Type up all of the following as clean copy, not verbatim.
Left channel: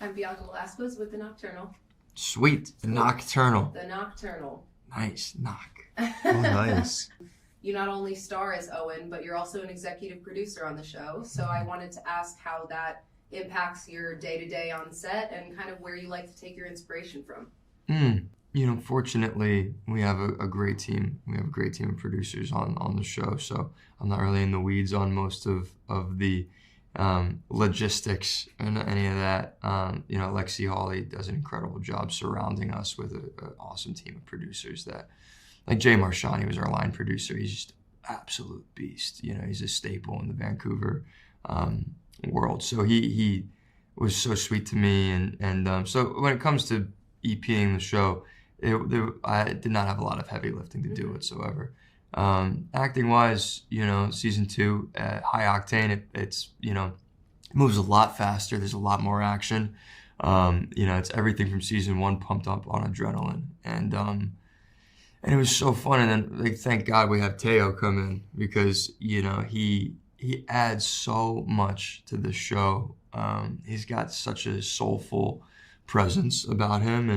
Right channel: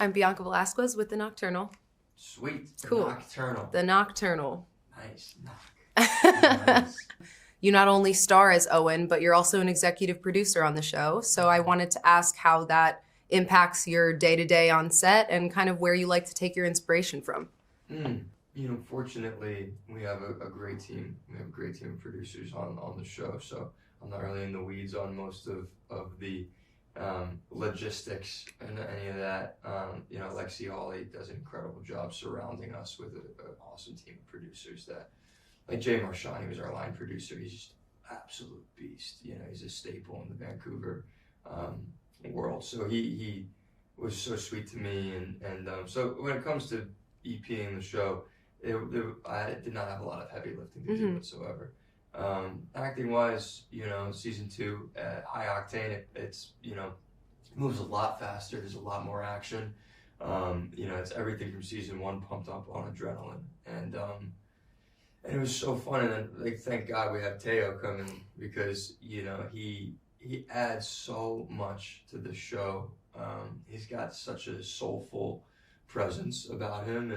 I'm Bianca Velasquez with The Nocturnal. Sweet. The Cool. Nocturnal. The Nocturnal. Nice. Knock. Oh, nice. You not only star as Owen, but you're also an executive producer on the show. So I wanted to ask how that impacts your day-to-day on set and kind of where you like to take your inspiration from. Fortunately, we have a great team. We have a great team of producers on the show, so I'm not really in the weeds on most of the logistics and any of that. Lexi Hawley does an incredible job surrounding us with an awesome team of producers that, like Jay Marchani was our line producer. He's just an absolute beast. He's a staple in the Vancouver world. So he was so sweet to me. And so when it comes to EPing the show, I did not have a lot of heavy lifting to do whatsoever. Acting wise, season 2, high octane, it's moves a lot faster. There's a lot more action. It's everything from season 1 pumped up on adrenaline. And it was so fun. And then thank God we have Teo come in because, he adds so much to the show. He's got such a soulful presence about him,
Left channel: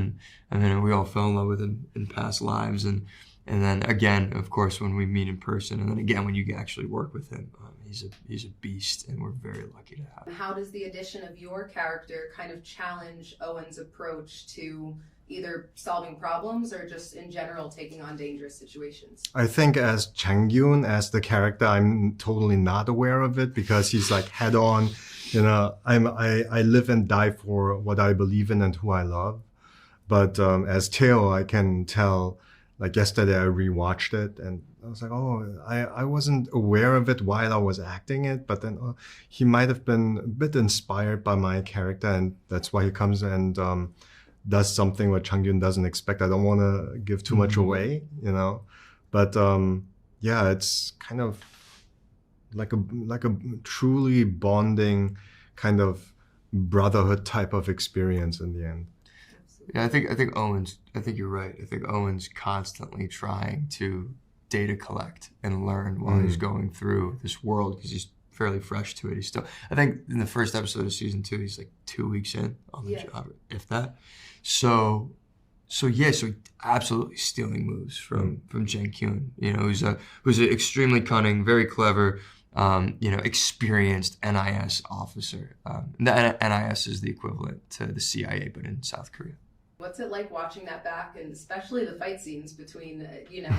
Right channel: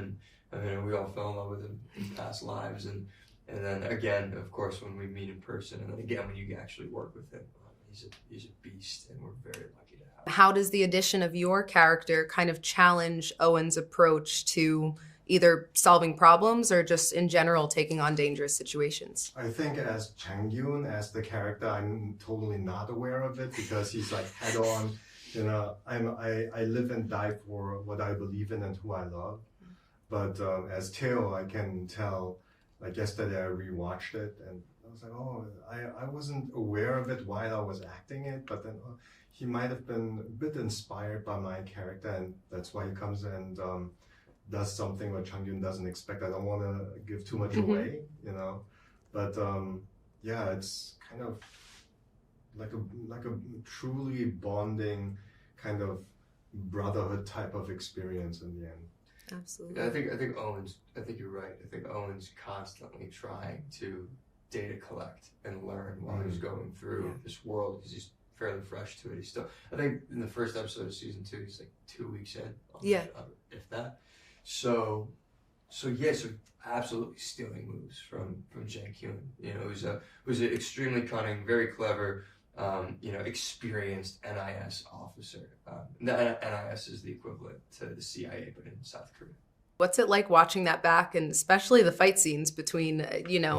and we all fell in love with him in past lives, and then again, of course, when we meet in person, and then again when you actually work with him, he's a beast, and we're very lucky to have him. How does the addition of your character kind of challenge Owen's approach to either solving problems or just in general taking on dangerous situations? I think as Chang-gyun, as the character, I'm totally not aware of it because he's like head on. I live and die for what I believe in and who I love. But as Teo, I can tell, like yesterday I rewatched it and I was like, oh, I wasn't aware of it while I was acting it, but then he might have been a bit inspired by my character, and that's why he comes and does something what Chang-gyun doesn't expect. I don't want to give too much away, but it's kind of like a truly bonding kind of brotherhood type of experience in the end. Absolutely. Yeah, I think you're right. I think Owen's constantly trying to data collect and learn while he's going through this world because he's fairly fresh to it. He's still, I think in the first episode of season 2, he's like 2 weeks in on the job, if that. So he's absolutely stealing moves from Chang-gyun, who's an extremely cunning, very clever, experienced NIS officer. The NIS is the equivalent to the CIA, but in South Korea. What's it like watching that back, and especially the fight scenes between,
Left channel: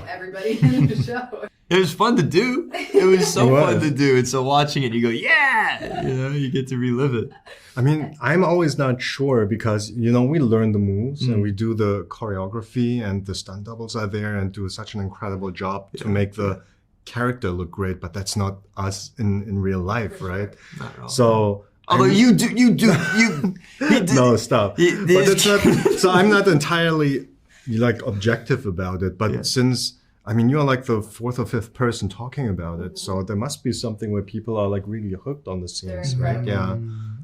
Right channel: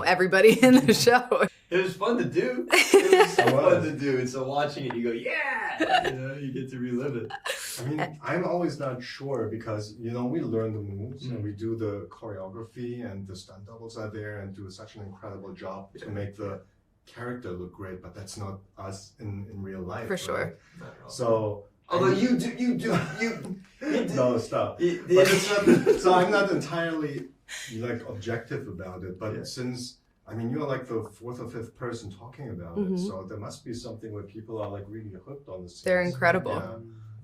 everybody in the show? It was fun to do. It was so fun to do. And so watching it, you go, yeah! You get to relive it. I mean, I'm always not sure because, we learn the moves and we do the choreography and the stunt doubles are there and do such an incredible job to make the character look great, but that's not us in real life, For sure. right? Not at all. So... Although you do. No, stop. But it's not, so I'm not entirely objective about it, but since, you're like the 4th or 5th person talking about it, so there must be something where people are like really hooked on the scenes. They're incredible. Yeah.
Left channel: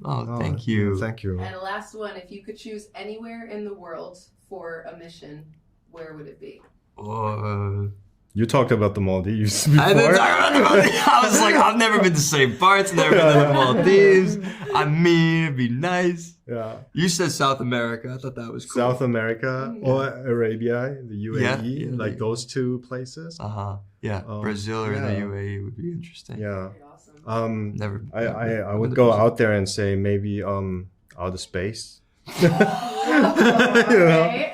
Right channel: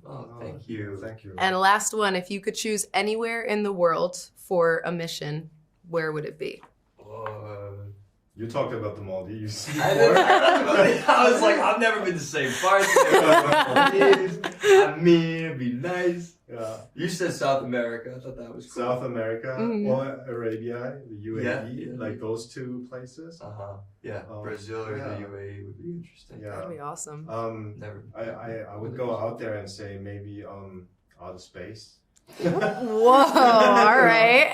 Oh, thank you. Thank you. And last one, if you could choose anywhere in the world for a mission, where would it be? You talked about the Maldives before. I didn't talk about the Maldives. I was like, I've never been to St. Bart's, never been to the Maldives. It'd be nice. Yeah. You said South America. I thought that was cool. South America or Arabia, the UAE, Yeah. those 2 places. Yeah, Brazil or the UAE would be interesting. Yeah. That'd be awesome. Never. I would go out there and say maybe outer space. Whoa, all right.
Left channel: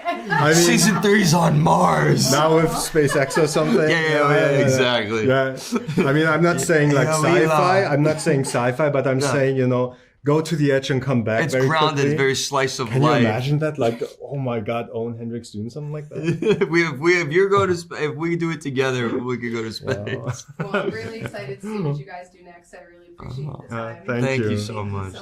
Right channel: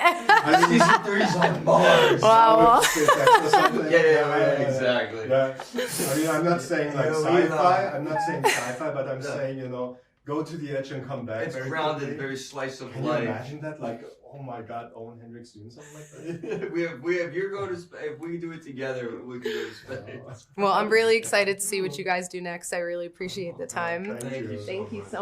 Season 3's on Mars. Now with SpaceX or something. Yeah, exactly. Yeah. I'm not saying sci-fi. I'm not saying sci-fi, but I'm saying, go to the edge and come back. It's very grounded, quickly. very slice of Can life. you imagine that? Like, oh my God, Owen Hendricks doing something like that? If we do it together, we could go to space. Well, I'm really excited to see what you guys do next. I really appreciate the time. Thank you so much.